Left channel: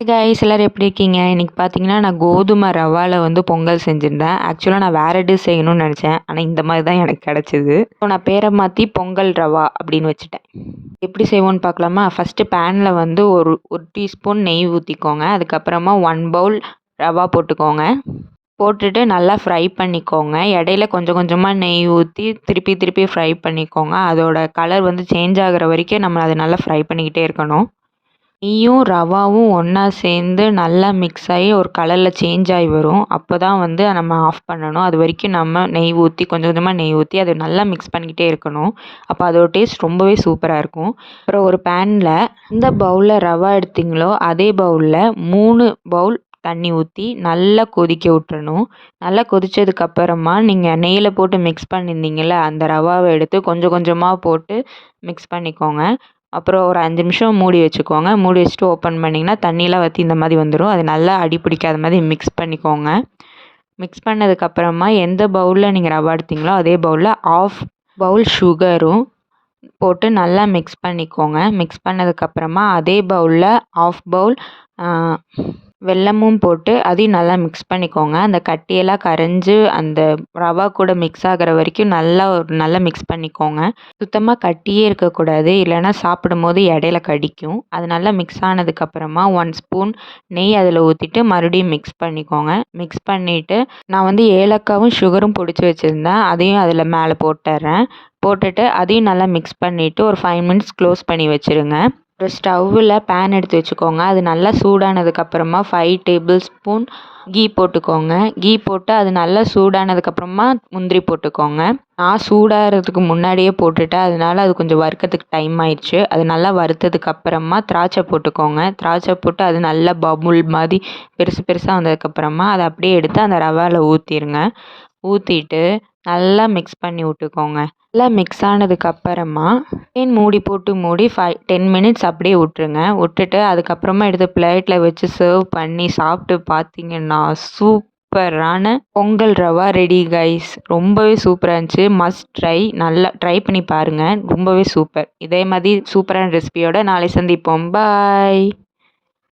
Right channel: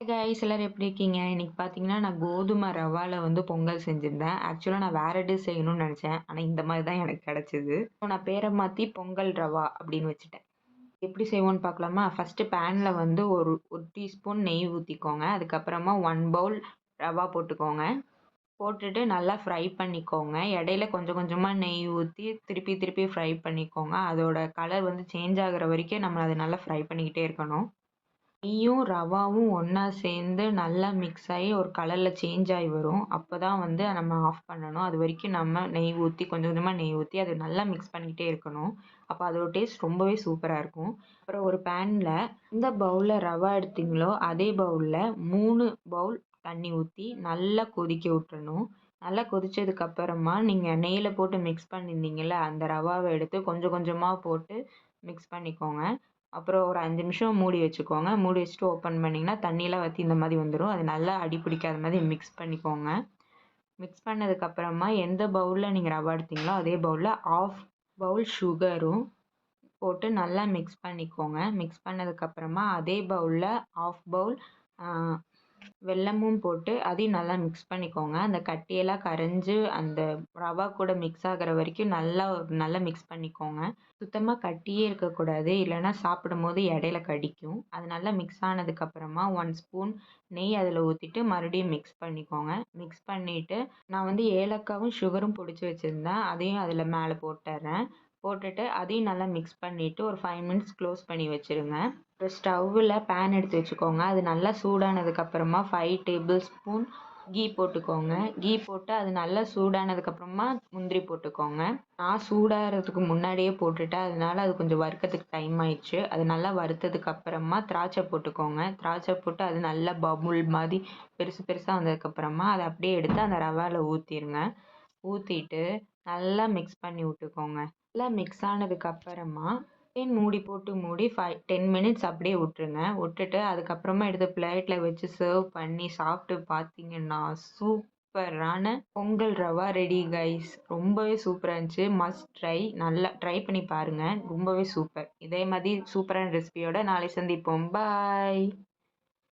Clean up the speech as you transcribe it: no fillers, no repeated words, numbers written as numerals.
Guys எல்லாரும் எப்படி இருக்கீங்க? இன்னைக்கு பார்த்தீங்கன்னா, நான் கோதுமை ரவால வந்து பொங்கல் செஞ்சிருந்தேன். ஆக்சுவலா நான் வேற டிஷ் செய்யணும்னு நெனச்சேன். ஆனா இந்த மாரி தான் எனக்கு கெடைச்சது. ஸோ நான் பேர மாத்தி பொங்கல் ரவா அப்படின்னு வச்சுட்டேன். எப்படி செய்வோன்னு பார்க்கலாமா? ஃபர்ஸ்ட்டு பேன்ல வந்து ஒரு 1 டீஸ்பூன் நெய் ஊத்திக்கோங்க. அதுக்கப்புறமா 1 பவுல் ரவா போட்டுக்கோங்க. போட்டுட்டு நல்லா ஃப்ரை பண்ணிக்கோங்க. இடையில கொஞ்சம் கொஞ்சமா நெய் ஊத்தி திருப்பி திருப்பி ஃப்ரை பண்ணிக்கோங்க. அதோட கலர் வந்து சேஞ்ச் ஆகுற வரைக்கும் நம்ம அத நல்லா ஃப்ரை பண்ணிக்கிட்டே இருக்கணும். நெய்யும் ரவாவும் ஒன்றா சேர்ந்து நல்லா மிக்ஸ் ஆகி ஒரு கலரில் சேஞ்ச் ஆகி வரும். அப்போ தான் வந்து நம்ம ஆஃப் பண்ணணும். அது வரைக்கும் நம்ம நெய் ஊற்றி கொஞ்சம் கொஞ்சமாக நெய் ஊற்றி அதை நல்லா மிக்ஸ் பண்ணிக்கிட்டே இருக்கணும். அப்போ அதோட டேஸ்ட் ரொம்பவே சூப்பராக இருக்கும். அப்புறம் ஒரு பேனில் எந்த பவுலில் ரவா எடுத்தீங்களோ அதே பவுலில் 3 பவுல் தண்ணி ஊற்றி நல்லா கொதிக்க விட்டுறணும். நல்லா கொதித்ததுக்கப்புறமா நீங்கள் நெய்யில் போட்டு மிக்ஸ் பண்ணியிருந்தீங்கள்ல அந்த ரவாவை எடுத்து கொஞ்சம் கொஞ்சமாக போட்டு மிக்ஸ் பண்ணிக்கோங்க. அப்புறம் ஒரு 5 நிமிஷம் மூடி வச்சுக்கோங்க. மூடி வச்சுட்டு ஓப்பன் பண்ணிங்கன்னா தண்ணிலாம் வற்றி இந்த மாதிரி வந்துடும். அது நல்லா அடி பிடிக்காத மாதிரி மிக்ஸ் பண்ணிக்கோங்க. மிக்ஸ் பண்ணதுக்கப்புறமா எந்த பவுலில் நீங்கள் ரவா எடுத்தீங்களோ அதே பவுலில் 1/2 பவுல் சுகரும் போட்டு நல்லா மிக்ஸ் பண்ணிக்கோங்க. மிக்ஸ் பண்ணதுக்கப்புறமா அதே பவுலில் 1/2 பவுல் வெல்லமும் போட்டு அதையும் நல்லா மிக்ஸ் பண்ணிக்கோங்க. அந்த கட்டியெல்லாம் கரைஞ்சு அந்த ரவா கூட மிக்ஸ் ஆகிற வரைக்கும் நல்லா மிக்ஸ் பண்ணிக்கோங்க. சுத்தமாக கட்டியே இருக்கக்கூடாது, இல்லைன்னா சாப்பிடும்போது இடையில கடிக்கும். அது நல்லா மிக்ஸ் ஆனதுக்கப்புறமா 1 ஸ்பூன் நெய் அதில் ஊற்றிட்டு மறுபடியும் மிக்ஸ் பண்ணிக்கோங்க. மிக்ஸ் பண்ணிவிட்டு நான் வந்து ஏலக்காவும் சுகரும் பொடிச்சு வச்சுருந்தேன், அதையும் அதில் மேலே போட்டுறேன். போட்டுட்டு அதையும் நல்லா மிக்ஸ் பண்ணிவிட்டு ஒரு 5 மினிட்ஸ் க்ளோஸ் பண்ணி வச்சுருங்க. ஒரு ஸ்டவ்வில் பேன் எடுத்து வச்சுக்கோங்க. அது நல்லா சூடானதுக்கப்புறமா 5 டேபிள் ஸ்பூன் கீ போட்டுக்கோங்க. கீ போட்டு அது நல்லா சூடானதுக்கப்புறமா முந்திரி போட்டுக்கோங்க. நான் சூடாகிறதுக்கு முன்னாடியே போட்டுட்டேன், அதனால அது கொஞ்சம் வறுக்கிறதுக்கு டைம் ஆயிடுச்சு. அது நல்லா வறுத்ததுக்கப்புறமா திராட்சை போட்டுக்கோங்க. திராட்சை போட்டு அது நல்லா பபுள் மாதிரி பெருசு பெருசாக வந்ததுக்கப்புறமா அதை அப்படியே எடுத்து அந்த ரவாவில் ஊற்றிடுங்க. ஊற்றிட்டு நல்லா மிக்ஸ் பண்ணி விட்டுக்கோங்க. நல்லா மிக்ஸ் ஆனதுக்கப்புறமா மூடி போட்டு மூடி 10 மினிட்ஸ் அப்படியே விட்டுருங்க. விட்டுட்டு அதுக்கப்புறமா எடுத்து பிளேட்டில் வச்சு சர்வ் பண்ணி சாப்பிட்டு பார்த்தீங்கன்னா சூப்பரான பொங்கல் ரவா ரெடி கைஸ். ரொம்பவே சூப்பராக இருந்துச்சு. Must try. நல்லா ட்ரை பண்ணி பாருங்கள். ரொம்பவே சூப்பர். இதே மாதிரி சூப்பரான ரெசிபியோட நாளை சந்திப்போம். பாய்.